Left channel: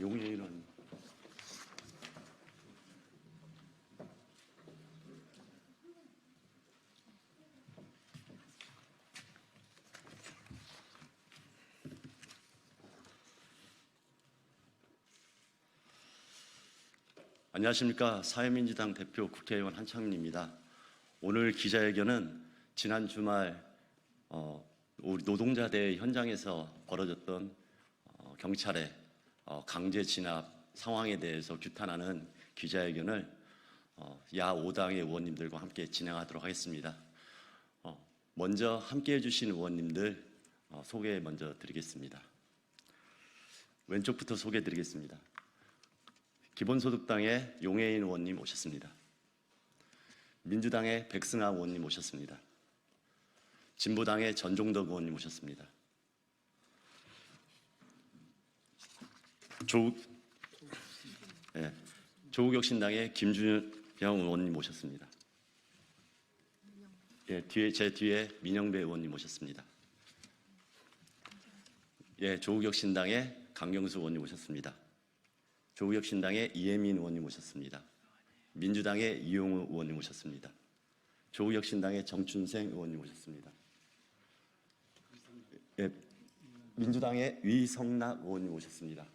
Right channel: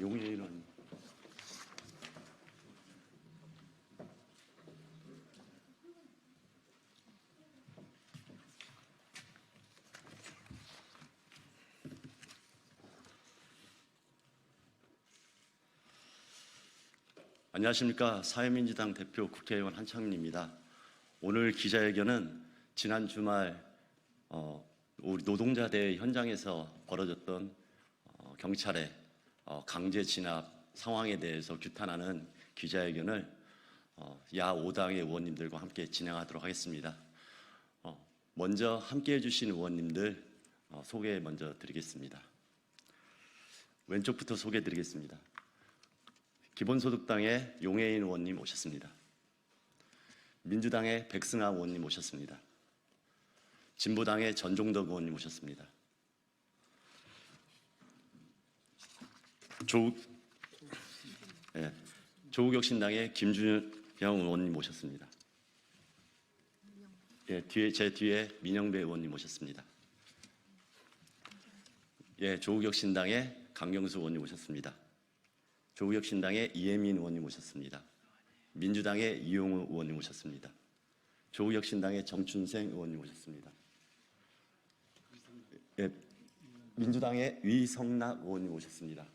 용해인은 안녕하십니까. 사회민주당 대표 국회의원 한창민입니다. 오늘 기자회견은 지난 주말 어, 우리 노동자대 현장에서 벌어졌던 어, 경찰의 어, 강제 진압 상황에 대해서 규탄하는 기자회견을 어, 야 5당의 의원님들과 함께 진행하도록 하겠습니다. 어, 먼저 함께 해 주신 의원님들 어, 소개 먼저 드리겠습니다. 왼쪽부터 소개해 드리겠습니다. 기본소득당의 용해인 의원님 오셨습니다. 민주당의 백승아 의원님 오셨습니다. 진보당의 전종덕 의원님 오셨습니다. 조, 예, 조국혁 신당의 김준영 의원님 오셨습니다. 예, 뒤에 제 뒤에 민영배 의원님 오셨습니다. 예, 조국혁 신당의 강경수 의원님 오셨습니다. 조국혁 신당의 이혜민 의원님 오셨습니다. 민주당의 이용우 의원님 오셨습니다. 조국혁 신당의 정춘생 의원님 오셨습니다. 예, 민주당의 위성락 의원님 오셨습니다.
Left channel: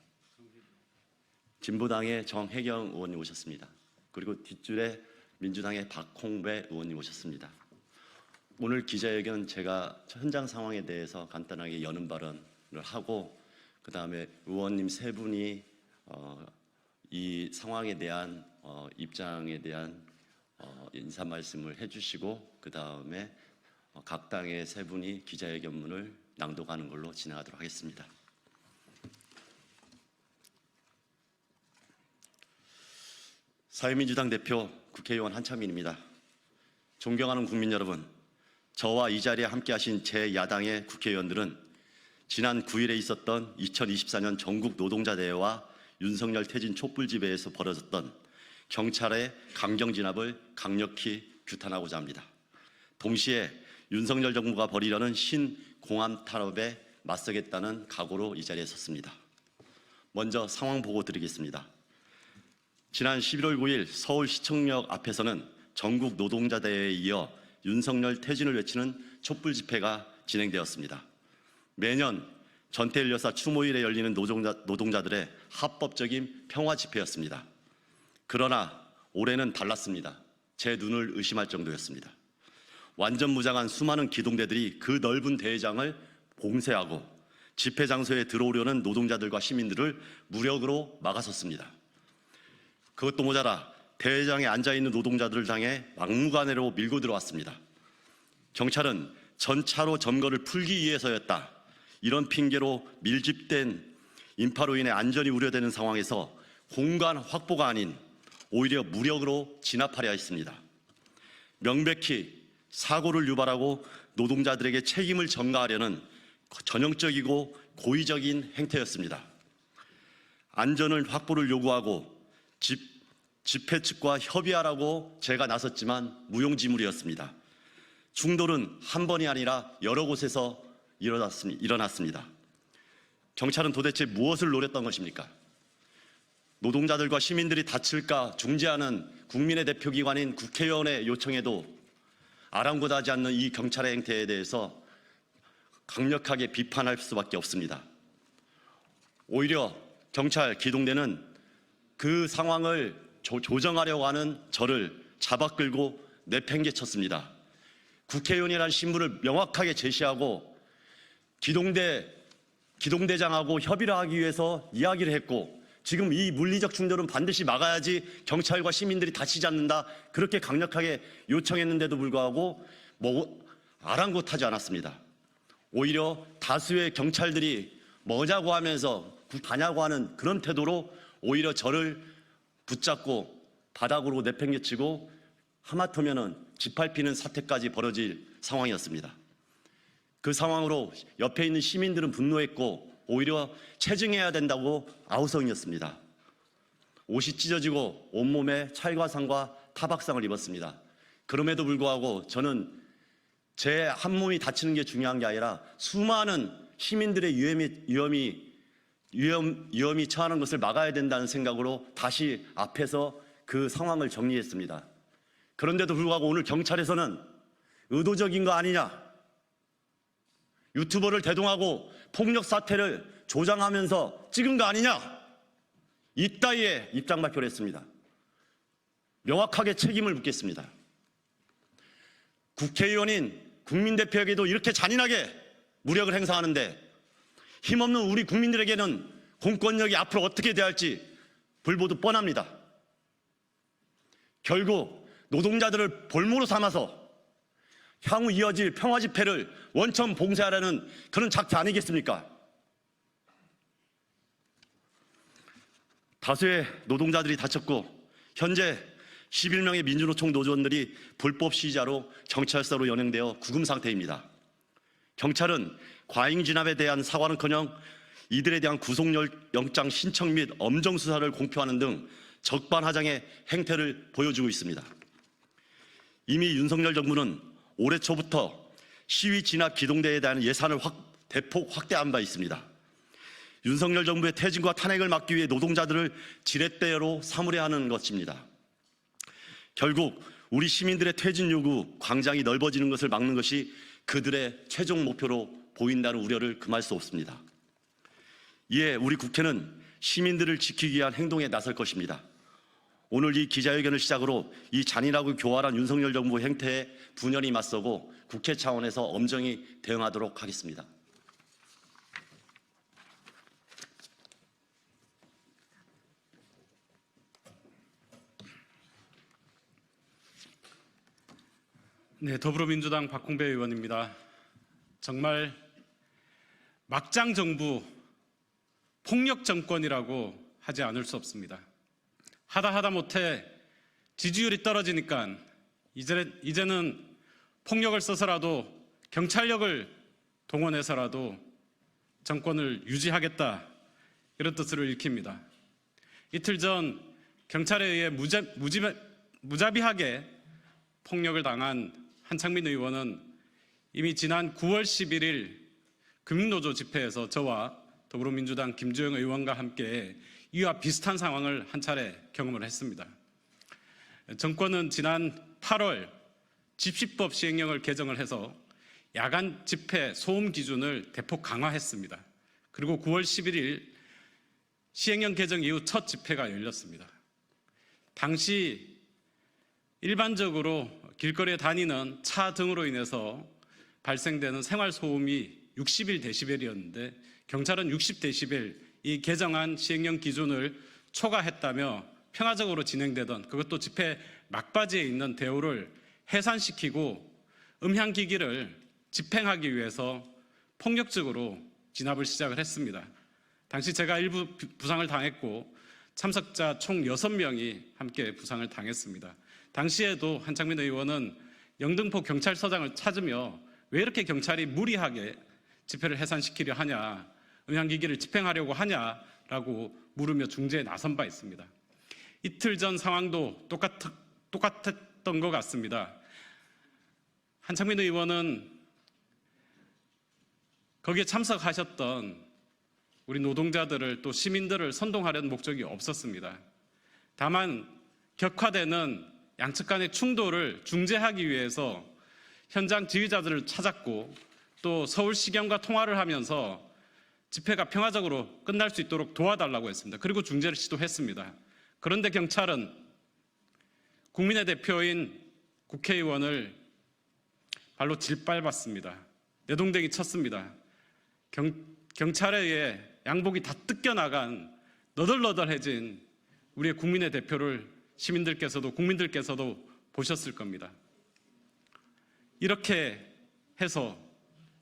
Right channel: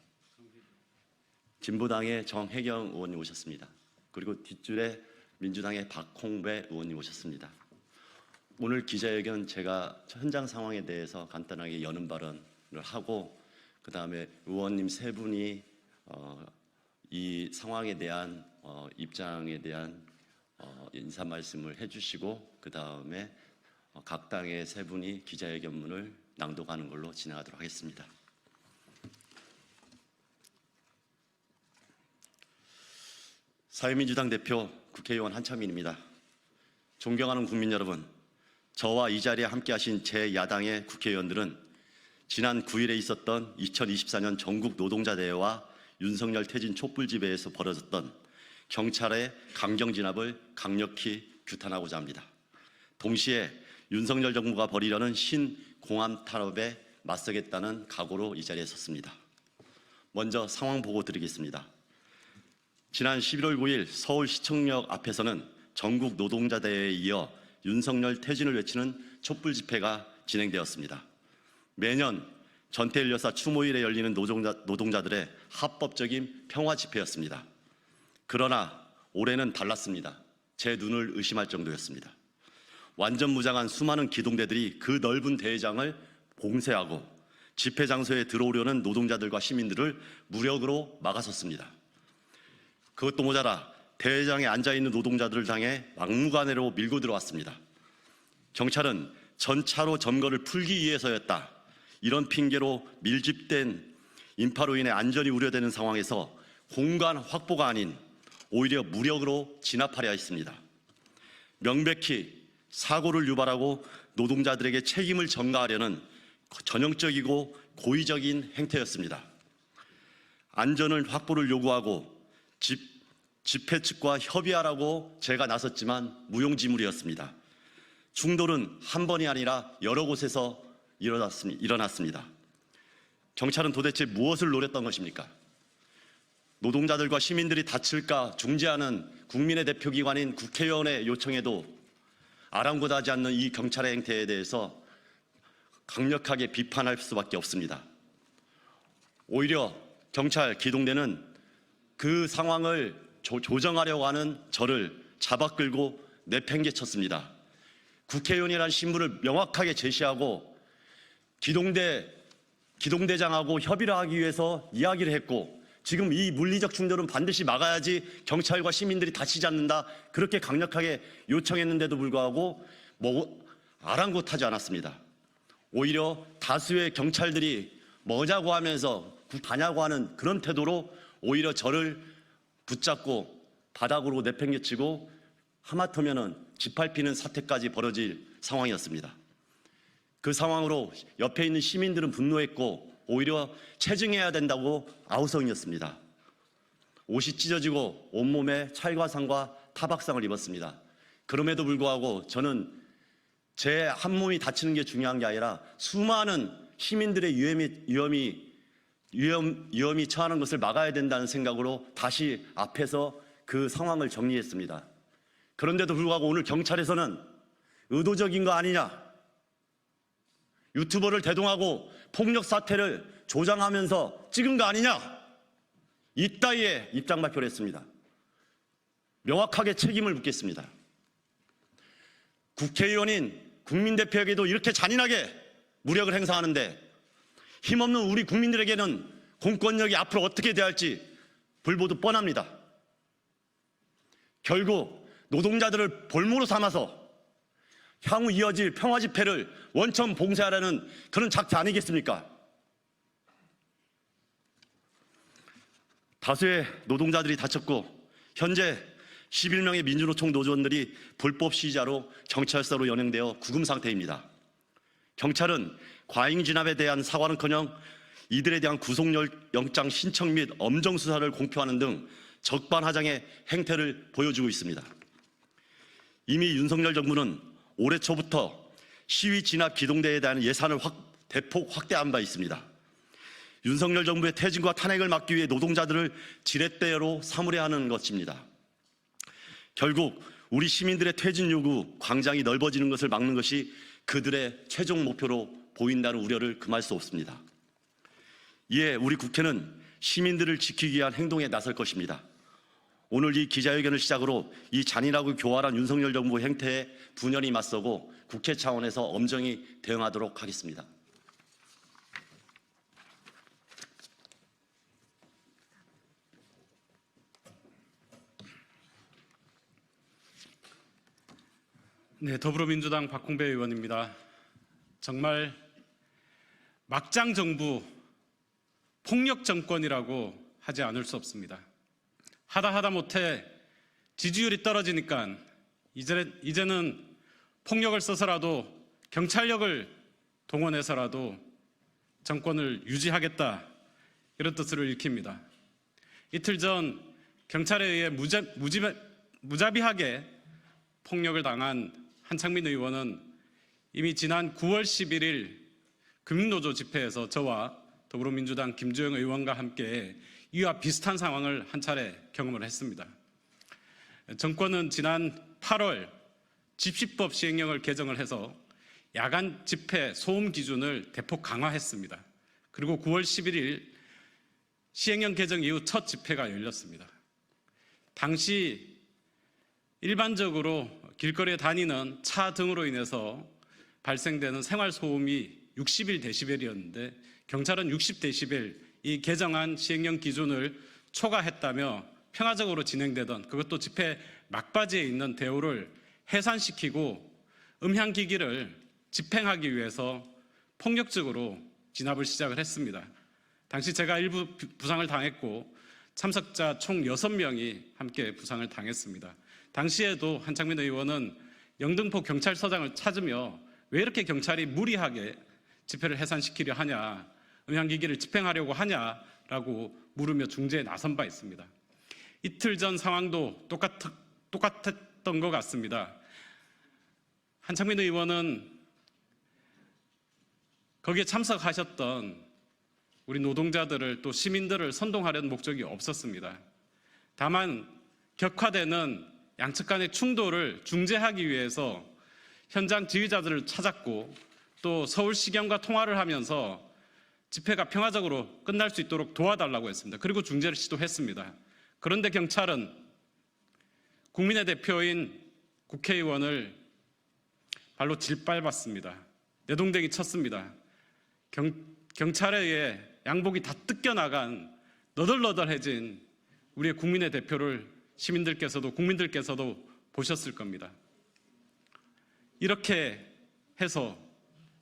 진보당의 정혜경 의원님 오셨습니다. 그리고 뒷줄에 민주당의 박홍배 의원님 오셨습니다. 오늘 기자회견 제가 현장 상황에 대해서 간단하게 여는 발언을 하고 그 다음에 의원님 세 분이 어, 이 상황에 대한 어, 입장에 대한 어, 인사 말씀을 해주시고 그 다음에 어, 각 당의 세 분이 기자회견문을 낭독하는 걸로 진행하도록 하겠습니다. 사회민주당 대표 국회의원 한창민입니다. 존경하는 국민 여러분, 저와 이 자리에 함께하신 제 야당의 국회의원들은 지난 9일에 있었던 2024년 전국 노동자 대회와 윤석열 퇴진 촛불 집회에서 벌어졌던 경찰의 강경 진압을 강력히 규탄하고자 합니다. 동시에 윤석열 정부가 벌이려는 신공안 탄압에 맞서겠다는 각오로 이 자리에 섰습니다. 먼저 상황 보고 드리겠습니다. 지난 11월 9일 서울시청역 앞에서는 전국 노동자 대회에 이어 윤석열 퇴진을 외치는 촛불 집회가 진행되었습니다. 매년 전태일 여사 추모일에 열리는 노동자, 노동자들의 합법적인 평화 집회였습니다. 그러나 올해는 달랐습니다. 제 눈을 의심할 정도였습니다. 완전 무장한 수많은 기동대들이 그 넓은 대회장을 봉쇄하고 집회 장소에 들어오려는 노동자들과 시민들을 무력으로 막아섰습니다. 그것도 모자라 대회장에 앉아 있는 노동자들을 향해 막무가내로 밀고 들어왔습니다. 경찰은 전차로 점거를 풀기 위해서였다. 이런 핑계로 밀집된 인파로 인해 안전이 우려되는 상황에서 공간 확보가 아닌 오히려 무력으로 진압하려 했습니다. 명백히 사고를 유발하고 노동자들에게 책임을 전가하려는 전형적이고 고의적인 행태였습니다. 안전을 확보를 요구하고 집, 집회 측과 협의하라고 제가 나섰지만 무용지물이었습니다. 충돌은 한 번이 아니라 여러 곳에서 일어났습니다. 경찰은 도대체 무엇을 노렸던 것입니까? 노동자들과 시민들이 다칠까 중재하는 국민의 대표기관인 국회의원의 요청에도 아랑곳하지 않는 이 경찰의 행태에 대해서 강력하게 비판할 수밖에 없습니다. 오히려 경찰 기동대는 그 상황을 조, 조정하려고 하는 저를 잡아 끌고 내팽개쳤습니다. 국회의원이라는 신분을 명확하게 제시하고 기동대 기동대장하고 협의를 하기 위해서 이야기를 했고 지금 이 물리적 충돌은 반드시 막아야지 경찰과 시민들이 다치지 않는다 그렇게 강력하게 요청했는데도 불구하고 뭐 아랑곳하지 않았습니다. 오히려 다수의 경찰들이 뭐냐고 하면서 가냐고 하는 그런 태도로 오히려 저를 붙잡고 바닥으로 내팽개치고 하마터면은 짓밟히는 사태까지 벌어질 상황이었습니다. 그 상황으로 옆에 있는 시민들은 분노했고 오히려 체증해야 된다고 아우성이었습니다. 옷이 찢어지고 온몸에 찰과상과 타박상을 입었습니다. 그럼에도 불구하고 저는 제 한 몸이 다치는 게 중요한 게 아니라 수많은 시민들의 위험이, 위험이 위험, 위험이 처하는 것을 막아야 된다는 생각으로 다시 앞에서 그 상황을 정리했습니다. 그런데도 불구하고 오늘 경찰에서는 의도적인 거 아니냐? 유튜버를 대동하고 폭력 사태를 조장하면서 찍은 거 아니냐? 이따위에 입장 발표를 했습니다. 명확하게 책임을 묻겠습니다. 국회의원인 국민대표에게도 이렇게 잔인하게 무력을 행사하는데 힘없는 우리 국민들에게는 공권력이 앞으로 어떻게 대할지 불보듯 뻔합니다. 결국 노동자들을 볼모로 삼아서 향후 이어질 평화 집회를 원천 봉쇄하라는 그런 작태 아니겠습니까? 다수의 노동자들이 다쳤고 현재 11명의 민주노총 노조원들이 불법 시위자로 경찰서로 연행되어 구금 상태입니다. 경찰은 과잉 진압에 대한 사과는커녕 이들에 대한 구속영장 신청 및 엄정 수사를 공표하는 등 적반하장의 행태를 보여주고 있습니다. 이미 윤석열 정부는 올해 초부터 시위 진압 기동대에 대한 예산을 확, 대폭 확대한 바 있습니다. 윤석열 정부의 퇴진과 탄핵을 막기 위해 노동자들을 지렛대로 삼으려 하는 것입니다. 결국 우리 시민들의 퇴진 요구, 광장이 넓어지는 것을 막는 것이 그들의 최종 목표로 보인다는 우려를 금할 수 없습니다. 이에 우리 국회는 시민들을 지키기 위한 행동에 나설 것입니다. 오늘 이 기자회견을 시작으로 이 잔인하고 교활한 윤석열 정부 행태에 분연히 맞서고 국회 차원에서 엄정히 대응하도록 하겠습니다. 네, 더불어민주당 박홍배 의원입니다. 정말 막장 정부 폭력 정권이라고 하지 않을 수 없습니다. 하다 하다 못해 지지율이 떨어지니까 이제, 이제는 폭력을 써서라도 경찰력을 동원해서라도 정권을 유지하겠다 이런 뜻을 읽힙니다. 이틀 전 경찰에 의해 무자, 무지, 무자비하게 폭력을 당한 한창민 의원은 이미 지난 9월 11일 금융노조 집회에서 저와 더불어민주당 김주영 의원과 함께 이와 비슷한 상황을 한 차례 경험을 했습니다. 정권은 지난 8월 집시법 시행령을 개정을 해서 야간 집회 소음 기준을 대폭 강화했습니다. 그리고 9월 11일 시행령 개정 이후 첫 집회가 열렸습니다. 당시 일반적으로 길거리에 다니는 차 등으로 인해서 발생되는 생활 소음이 61데시벨이었는데 경찰은 60데시벨 이 개정안 시행령 기준을 초과했다며 평화적으로 진행되던 그것도 집회 막바지에 있는 대우를 해산시키고 음향 기기를 집행하기 위해서 폭력적으로 진압을 시작을 했습니다. 당시 제가 일부 부상을 당했고 참석자 총 6명이 함께 부상을 당했습니다. 당시에도 한창민 의원은 영등포 경찰서장을 찾으며 왜 이렇게 경찰이 무리하게 집회를 해산시키려 하냐, 음향기기를 집행하려고 하냐라고 물으며 중재에 나선 바 있습니다. 이틀 전 상황도 똑같, 똑같았던 것 같습니다. 한창민 의원은 거기에 참석하셨던 우리 노동자들을 또 시민들을 선동하려는 목적이 없었습니다. 다만 격화되는 양측 간의 충돌을 중재하기 위해서 현장 지휘자들을 찾았고 또 서울시경과 통화를 하면서 집회가 평화적으로 끝날 수 있도록 도와달라고 했습니다. 그리고 중재를 시도했습니다. 그런데 경찰은 국민의 대표인 국회의원을 발로 질밟았습니다. 내동댕이 쳤습니다. 경, 경찰에 의해 양복이 다 뜯겨나간 너덜너덜해진 우리의 국민의 대표를 시민들께서도 국민들께서도 보셨을 겁니다. 이렇게 해서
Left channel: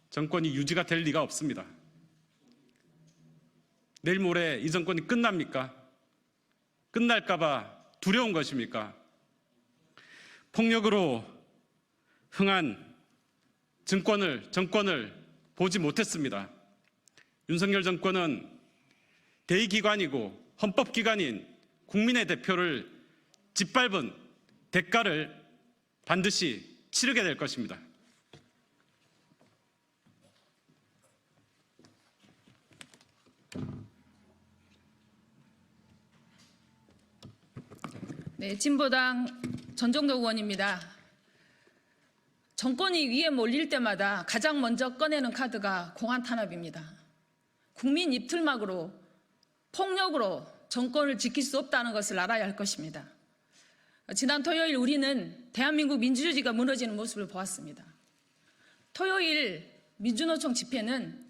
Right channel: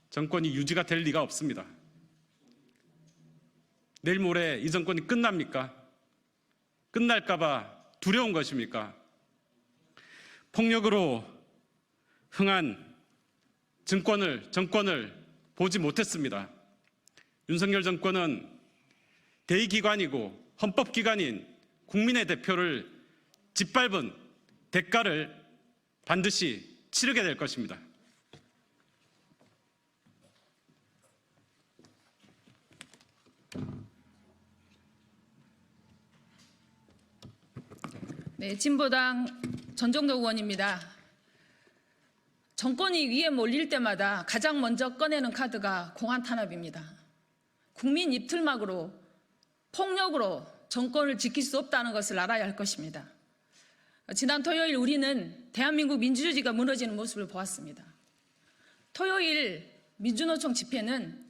정권이 유지가 될 리가 없습니다. 내일 모레 이 정권이 끝납니까? 끝날까봐 두려운 것입니까? 폭력으로 흥한 정권을, 정권을 보지 못했습니다. 윤석열 정권은 대의기관이고 헌법기관인 국민의 대표를 짓밟은 대가를 반드시 치르게 될 것입니다. 네, 진보당 전종덕 의원입니다. 정권이 위에 몰릴 때마다 가장 먼저 꺼내는 카드가 공안 탄압입니다. 국민 입틀막으로 폭력으로 정권을 지킬 수 없다는 것을 알아야 할 것입니다. 지난 토요일 우리는 대한민국 민주주의가 무너지는 모습을 보았습니다. 토요일 민주노총 집회는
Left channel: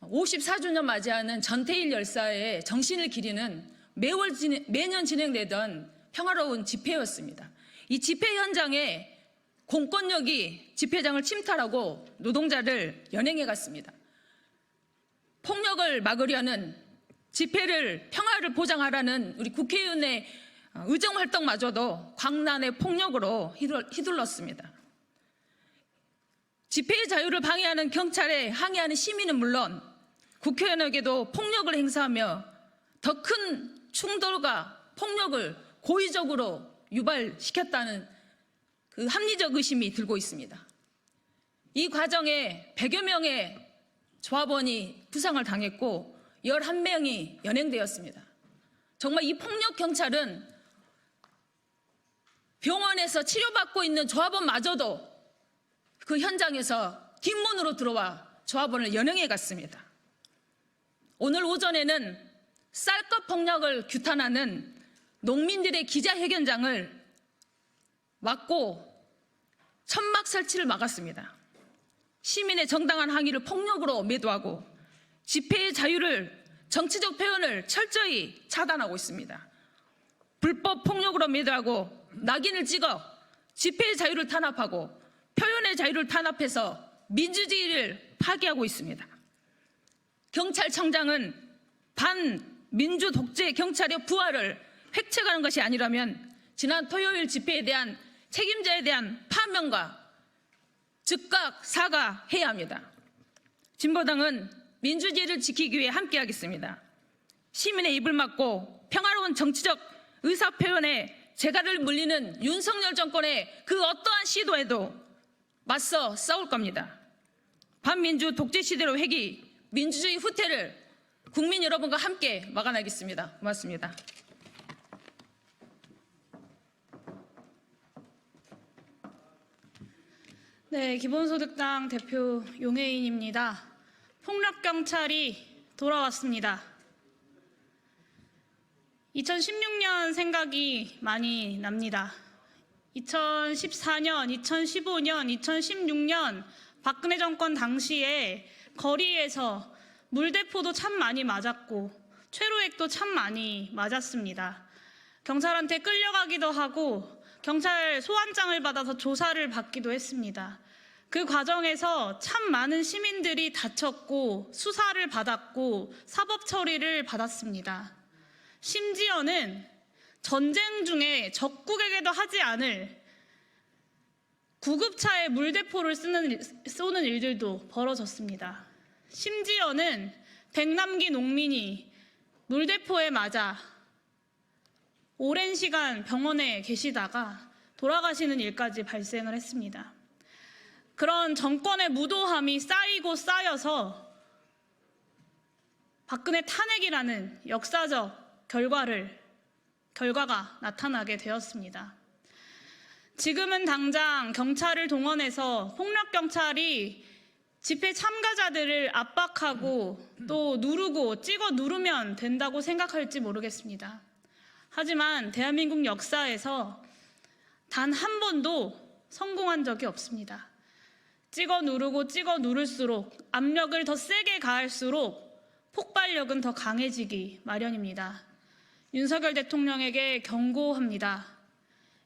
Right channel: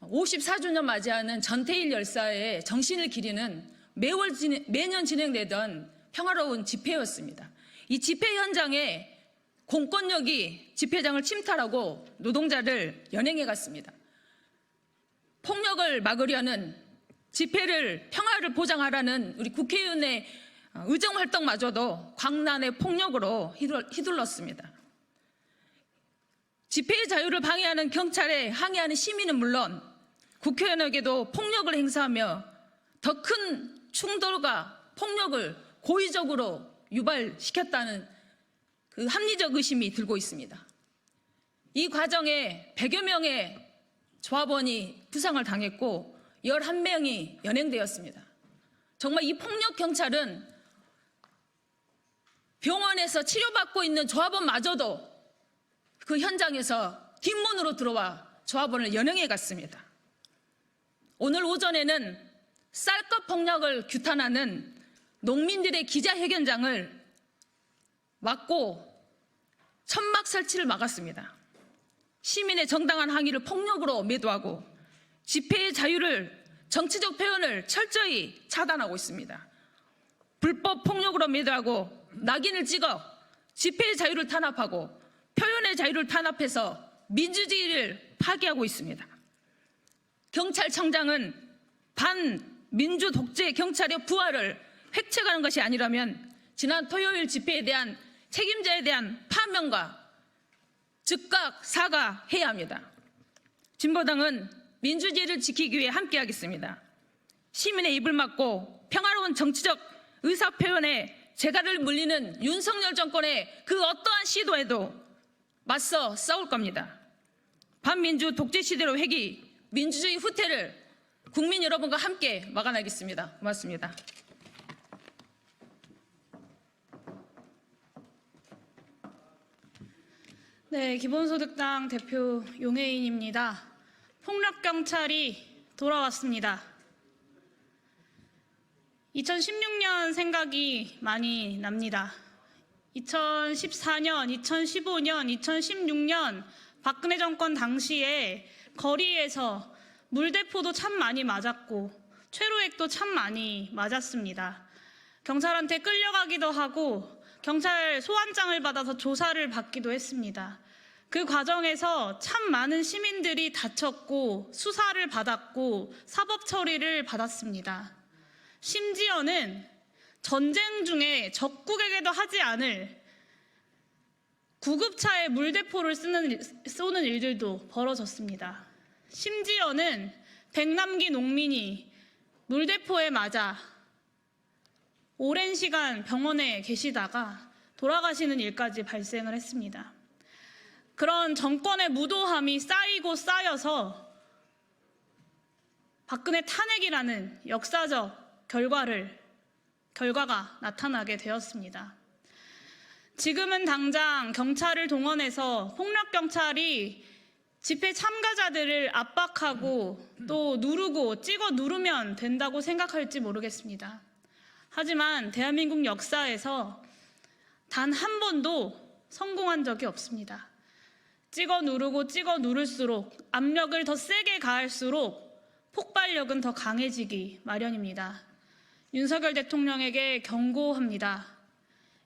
54주년 맞이하는 전태일 열사의 정신을 기리는 매월 진행- 매년 진행되던 평화로운 집회였습니다. 이 집회 현장에 공권력이 집회장을 침탈하고 노동자를 연행해 갔습니다. 폭력을 막으려는 집회를 평화를 보장하라는 우리 국회의원의 어, 의정 활동마저도 광란의 폭력으로 휘둘- 휘둘렀습니다. 집회의 자유를 방해하는 경찰에 항의하는 시민은 물론 국회의원에게도 폭력을 행사하며 더 큰 충돌과 폭력을 고의적으로 유발시켰다는 그 합리적 의심이 들고 있습니다. 이 과정에 100여 명의 조합원이 부상을 당했고 11명이 연행되었습니다. 정말 이 폭력 경찰은 병원에서 치료받고 있는 조합원마저도 그 현장에서 뒷문으로 들어와 조합원을 연행해 갔습니다. 오늘 오전에는 쌀값 폭력을 규탄하는 농민들의 기자회견장을 막고 천막 설치를 막았습니다. 시민의 정당한 항의를 폭력으로 매도하고 집회의 자유를 정치적 표현을 철저히 차단하고 있습니다. 불법 폭력으로 매도하고 낙인을 찍어 집회의 자유를 탄압하고 표현의 자유를 탄압해서 민주주의를 파괴하고 있습니다. 경찰청장은 반민주 독재 경찰의 부활을 획책하는 것이 아니라면 지난 토요일 집회에 대한 책임자에 대한 파면과 즉각 사과해야 합니다. 진보당은 민주주의를 지키기 위해 함께하겠습니다. 시민의 입을 막고 평화로운 정치적 의사표현에 재갈을 물리는 윤석열 정권의 그 어떠한 시도에도 맞서 싸울 겁니다. 반민주 독재 시대로 회귀, 민주주의 후퇴를 국민 여러분과 함께 막아내겠습니다. 고맙습니다. 네, 기본소득당 대표 용혜인입니다. 폭력경찰이 돌아왔습니다. 2016년 생각이 많이 납니다. 2014년, 2015년, 2016년 박근혜 정권 당시에 거리에서 물대포도 참 많이 맞았고 최루액도 참 많이 맞았습니다. 경찰한테 끌려가기도 하고 경찰 소환장을 받아서 조사를 받기도 했습니다. 그 과정에서 참 많은 시민들이 다쳤고 수사를 받았고 사법 처리를 받았습니다. 심지어는 전쟁 중에 적국에게도 하지 않을 구급차에 물대포를 쓰는, 일- 쏘는 일들도 벌어졌습니다. 심지어는 백남기 농민이 물대포에 맞아 오랜 시간 병원에 계시다가 돌아가시는 일까지 발생을 했습니다. 그런 정권의 무도함이 쌓이고 쌓여서 박근혜 탄핵이라는 역사적 결과를 결과가 나타나게 되었습니다. 지금은 당장 경찰을 동원해서 폭력 경찰이 집회 참가자들을 압박하고 또 누르고 찍어 누르면 된다고 생각할지 모르겠습니다. 하지만 대한민국 역사에서 단 한 번도 성공한 적이 없습니다. 찍어 누르고 찍어 누를수록 압력을 더 세게 가할수록 폭발력은 더 강해지기 마련입니다. 윤석열 대통령에게 경고합니다.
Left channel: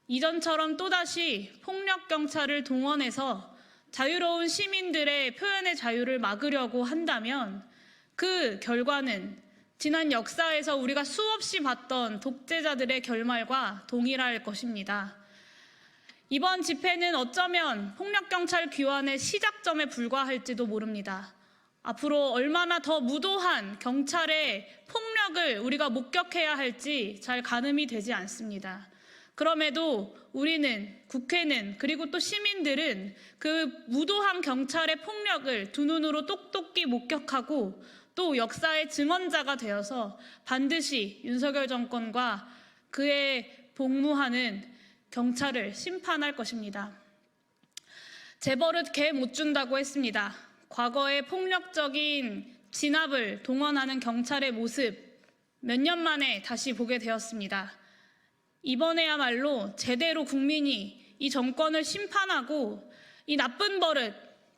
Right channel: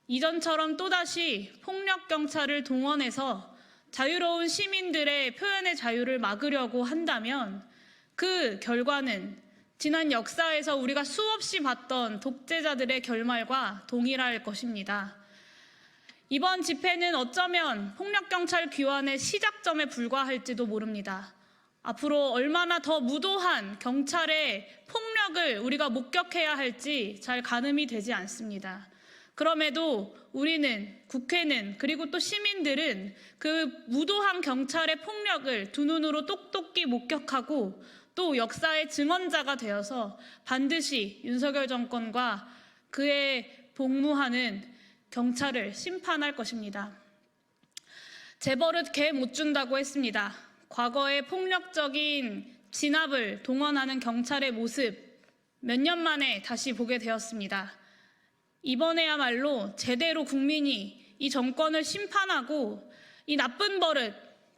이전처럼 또다시 폭력 경찰을 동원해서 자유로운 시민들의 표현의 자유를 막으려고 한다면 그 결과는 지난 역사에서 우리가 수없이 봤던 독재자들의 결말과 동일할 것입니다. 이번 집회는 어쩌면 폭력경찰 귀환의 시작점에 불과할지도 모릅니다. 앞으로 얼마나 더 무도한 경찰의 폭력 을 우리가 목격해야 할지 잘 가늠이 되지 않습니다. 그럼에도 우리는 국회는 그리고 또 시민들은 그 무도한 경찰의 폭력을 두 눈으로 똑똑히 목격하고 또 역사의 증언자가 되어서 반드시 윤석열 정권과 그의 복무하는 경찰을 심판할 것입니다. 재벌은 개 못 준다고 했습니다. 과거의 폭력적인 진압을 동원하는 경찰의 모습 몇 년 만에 다시 보게 되었습니다. 이번에야말로 제대로 국민이 이 정권을 심판하고 이 나쁜 버릇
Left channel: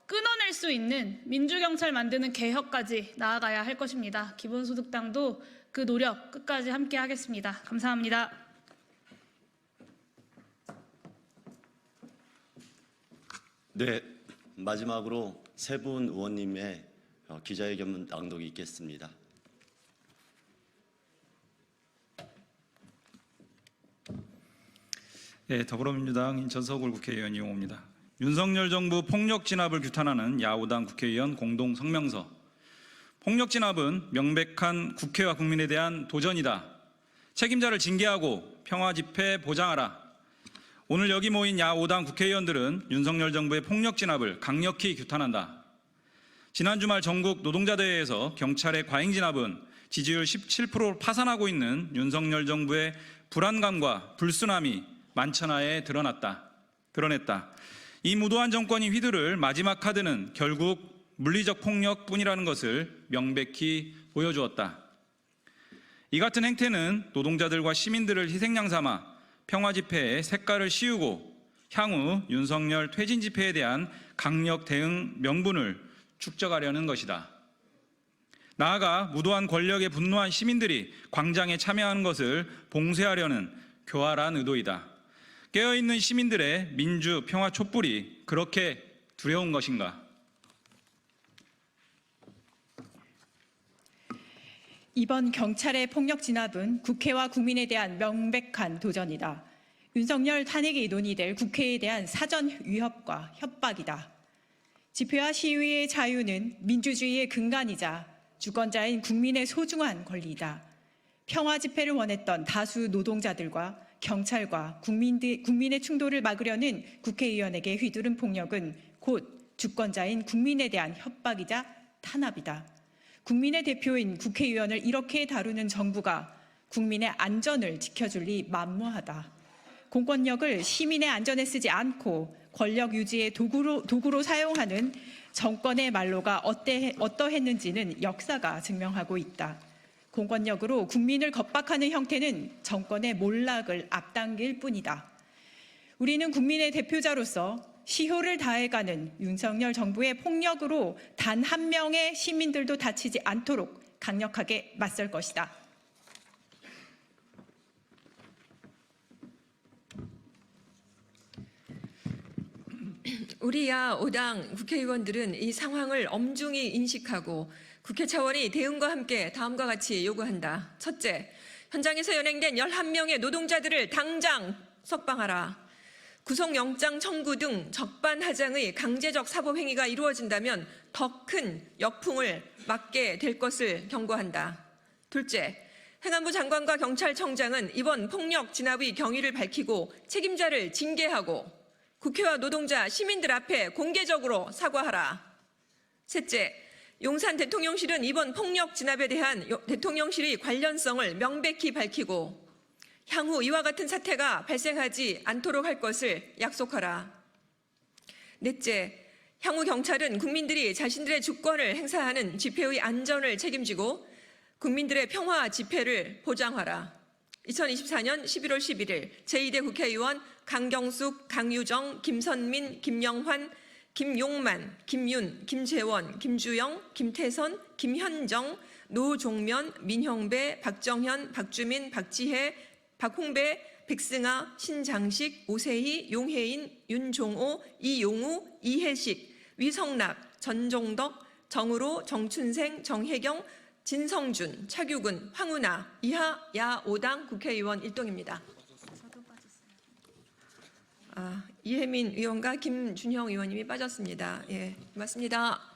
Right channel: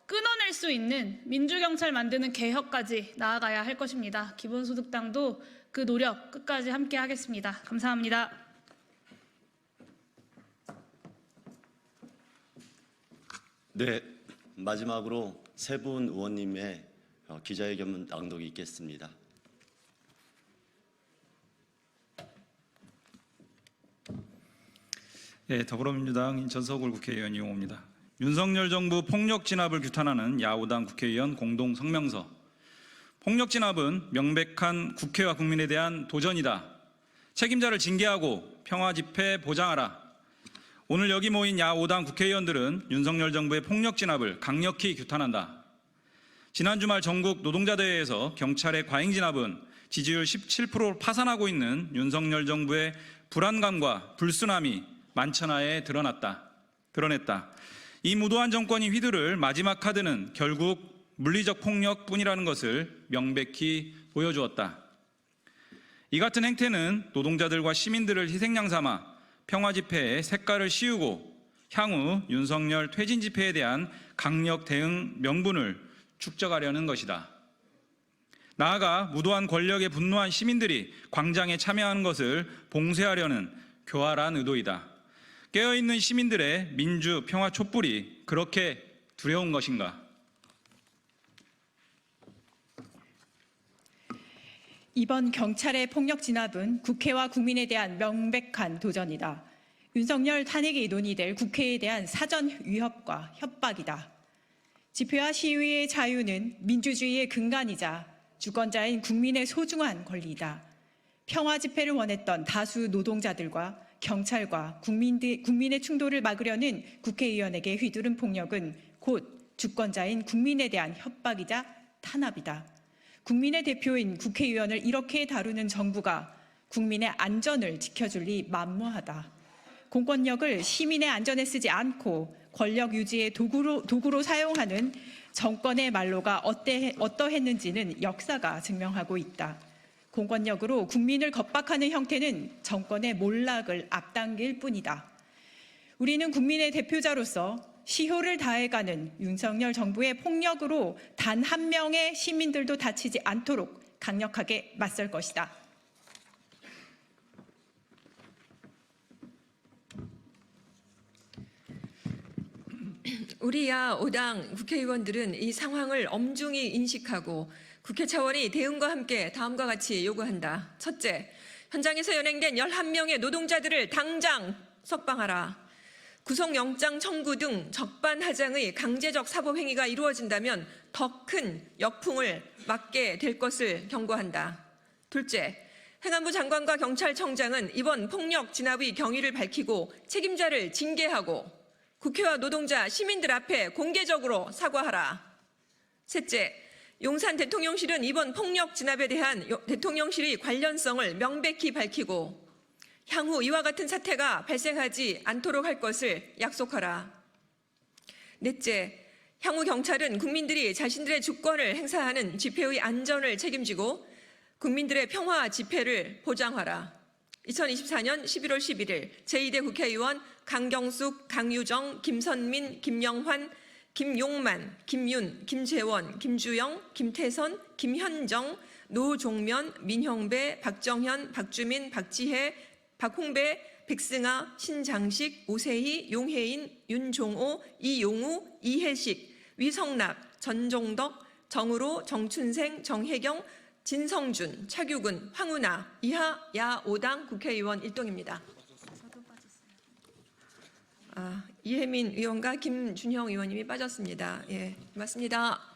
끊어낼 수 있는 민주경찰 만드는 개혁까지 나아가야 할 것입니다. 기본소득당도 그 노력 끝까지 함께 하겠습니다. 감사합니다. 네, 마지막으로 세 분 의원님의 어, 기자회견 낭독이 있겠습니다. 예, 더불어민주당 인천서울 국회의원 이용호입니다. 윤석열 정부 폭력 진압을 규탄하는 야오당 국회의원 공동 성명서. 폭력 진압은 명백한 국회와 국민에 대한 도전이다. 책임자를 징계하고 평화 집회 보장하라. 오늘 여기 모인 야오당 국회의원들은 윤석열 정부의 폭력 진압을 강력히 규탄한다. 지난 주말 전국 노동자대회에서 경찰의 과잉 진압은 지지율 17%로 파산하고 있는 윤석열 정부의 불안감과 불순함이 만천하에 드러났다. 드러냈다. 이 무도한 정권이 휘두를 마지막 카드는 결국 물리적 폭력뿐이라는 것을 명백히 보여주었다. 이 같은 행태는 노동자들과 시민들을 희생양 삼아 평화 집회에 색깔을 씌우고 향후 윤석열 퇴진 집회에 대한 강력 대응 명분을 축적하려는 것이다. 나아가 무도한 권력에 분노한 시민들이 광장에 참여하는 것을 봉쇄하려는 교활한 의도이다. 깨어있는 시민들의 민주 평화 촛불이 그렇게 두려운 것인가? 이번 경찰의 폭력 진압은 국회와 국민에 대한 명백한 도전이다. 윤석열 탄핵이 논의될 국회에 대한 사전 위협과 협박이다. 집회와 시위의 자유는 민주주의의 근간이자 주권자인 국민의 소중한 권리이다. 평화 집회를 원했던 다수 노동자들과 경찰과 국민들, 국민의 충돌을 막으려는 국회의원에게 휘두른 폭력은 곧 주권자인 국민에 대한 협박이자 탄압이다. 국민의 대표인 국회의원을 이렇게 다루는 정부가 국민의 안전을 지켜줄 리 만무하다. 공권력을 시민의 안전에 쓰지 않고 권력 유지의 도구로, 도구로 사용하는 정권의 말로가 어때, 어떠했는지는 역사가 증명하고 있다. 공권력으로 국민을 겁박하는 형태는 정권의 몰락을 앞당길 뿐이다. 우리는 국민의 대표자로서 시효를 다해가는 윤석열 정부의 폭력으로 단 한 명의 시민들도 다치지 않도록 강력하게 맞설 것이다. 우리 야 5당 국회의원들은 이 상황을 엄중히 인식하고 국회 차원이 대응과 함께 다음과 같이 요구한다. 첫째, 현장에서 연행된 11명의 노동자들을 당장 석방하라. 구속영장 청구 등 적반하장의 강제적 사법행위가 이루어진다면 더 큰 역풍을 맞게 될 것을 경고한다. 둘째, 행안부 장관과 경찰청장은 이번 폭력 진압의 경위를 밝히고 책임자를 징계하고 국회와 노동자, 시민들 앞에 공개적으로 사과하라. 셋째, 용산 대통령실은 이번 폭력 진압에 대한 요- 대통령실의 관련성을 명백히 밝히고 향후 이와 같은 사태가 발생하지 않도록 할 것을 약속하라. 넷째, 향후 경찰은 국민들이 자신들의 주권을 행사하는 집회의 안전을 책임지고 국민들의 평화 집회를 보장하라. 2024년 11월 11일 제2대 국회의원 강경숙, 강유정, 김선민, 김영환, 김용만, 김윤, 김재원, 김주영, 김태선, 김현정, 노종면, 민형배, 박정현, 박주민, 박지혜, 박홍배, 백승아, 신장식, 오세희, 용혜인, 윤종호, 이용우, 이혜식, 위성락, 전종덕, 정으로, 정춘생, 정혜경, 진성준, 차규근, 황운하, 이하 야 5당 국회의원 일동입니다. 아, 이혜민 의원과 김준형 의원님이 빠졌습니다. 예, 맞습니다.